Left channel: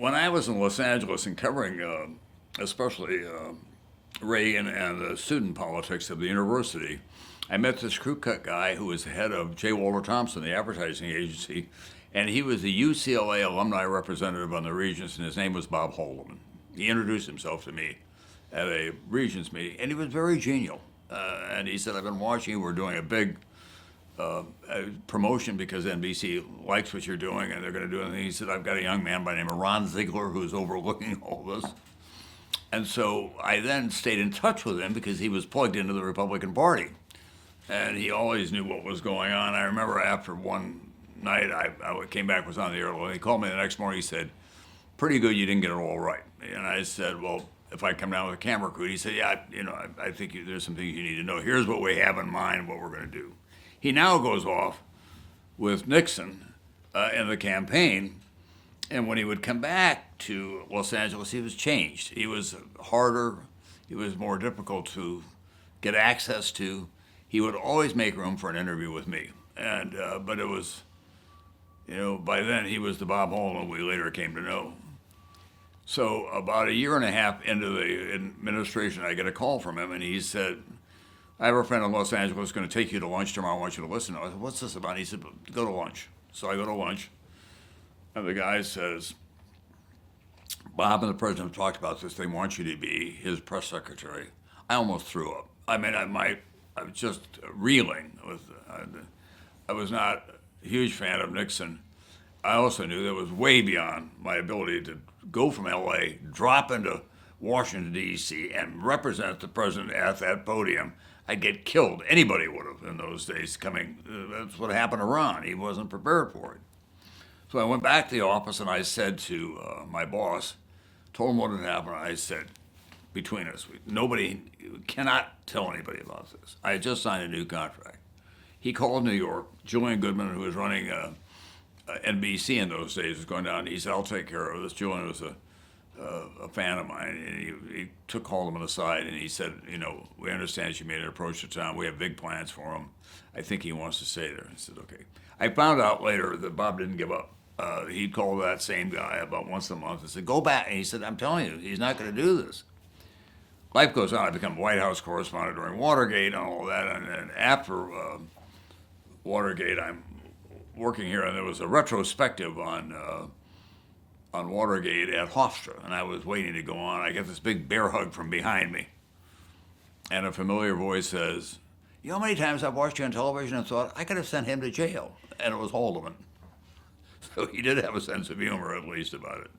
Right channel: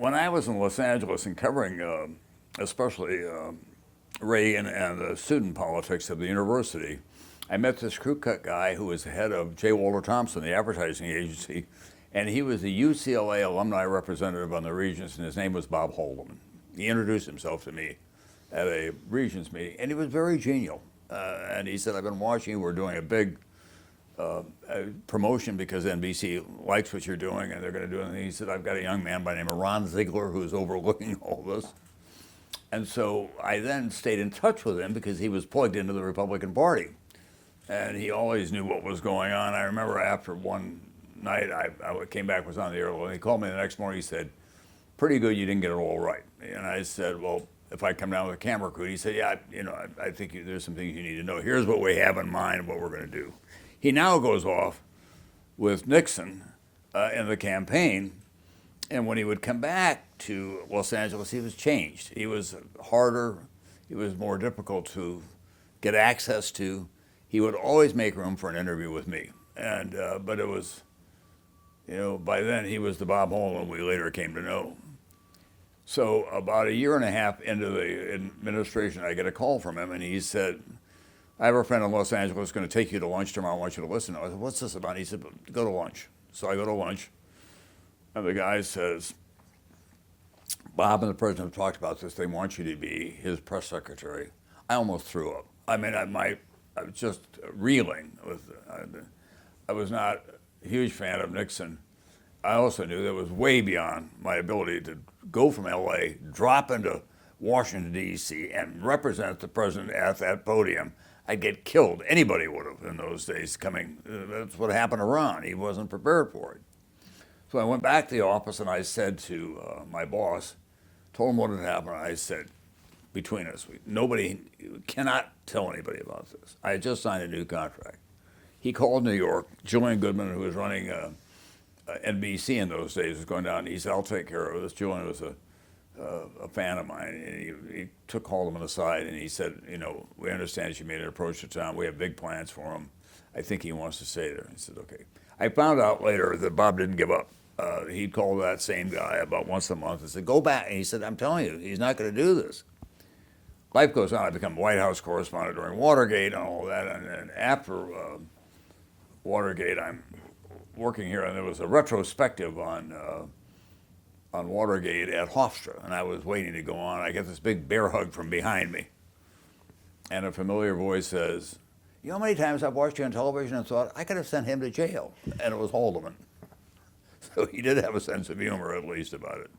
When I was in Los Angeles and covering, especially Reagan and the student politics of the university, I met this crew cut guy who was the head of J. Walter Thompson, the advertising agency, and he was the UCLA alumni representative on the Regents, and his name was Bob Haldeman. He introduced himself to me at a Regents meeting, and he was very genial. And he said, "I've been watching you. We're doing a big promotion because NBC likes what you're doing, and they're going to do it." And he said, "I've got a young man by the name of Ron Ziegler who's overlooking all this." And so I then stayed in touch with him because he was plugged into the Republican Party. And he always knew what was going on. I remember after one night, I came back, was on the air, and he called me the next morning. He said, "Pretty good, you didn't get it all right." And I said, "Well, if I come down with a camera crew," he said, "Yeah, I think there's some things you need to know. Here's what we have in mind, what we're going to do." He now goes off with Nixon in the campaign, and when he would come back to Los Angeles, he was changed. He was harder. He was more difficult to get access to. He would always make room for an interview with me, and but it was, by then he was the Bob Holman we later came to know. So about a year and a half into the administration, I get a call from him, and he said, "I have a friend in Los Angeles going to take you to lunch tomorrow. I want you to listen." I said, "What's this about?" He said, "Go to lunch." So I go to lunch, and the guy says, "Bob and the president have talked about this. They want you to be his press secretary." I almost threw up. I mean, I was just reeling. I was not a huge fan of Nixon. I also knew that it was way beyond my ability to go from LA, drop into Washington, D.C., and represent the president at that podium. I'd get killed. Anybody would have in those days coming. That's what happened to Ron. He wasn't prepared for it. So I went back to the office and I said to my boss, told him what had happened. I said, "Between us, nobody cannot tell anybody about this. I had just signed a new contract." He called New York. Julian Goodman, who was running NBC in those days, was going down. He said, "I'll take care of this." Julian was a fan of mine. And he took Haldeman aside and he said, "We understand you made an approach to town. We have big plans for him. I think he wants to stay there." I said, "Okay." I found out later that Bob didn't give up. He'd call that same guy about once a month and said, "Go back." And he said, "I'm telling you, he's not going to do this." Life goes on. I become White House correspondent during Watergate and all of that. And then after Watergate, I'm working here, and there was a retrospective on Watergate at Hofstra, and I was waiting to go on. I get this big bear hug from behind me, and a familiar voice says, "You know how many times I've watched you on television and thought I could have sent him to jail?" And it was Haldeman. So he did have a sense of humor, at least, about it.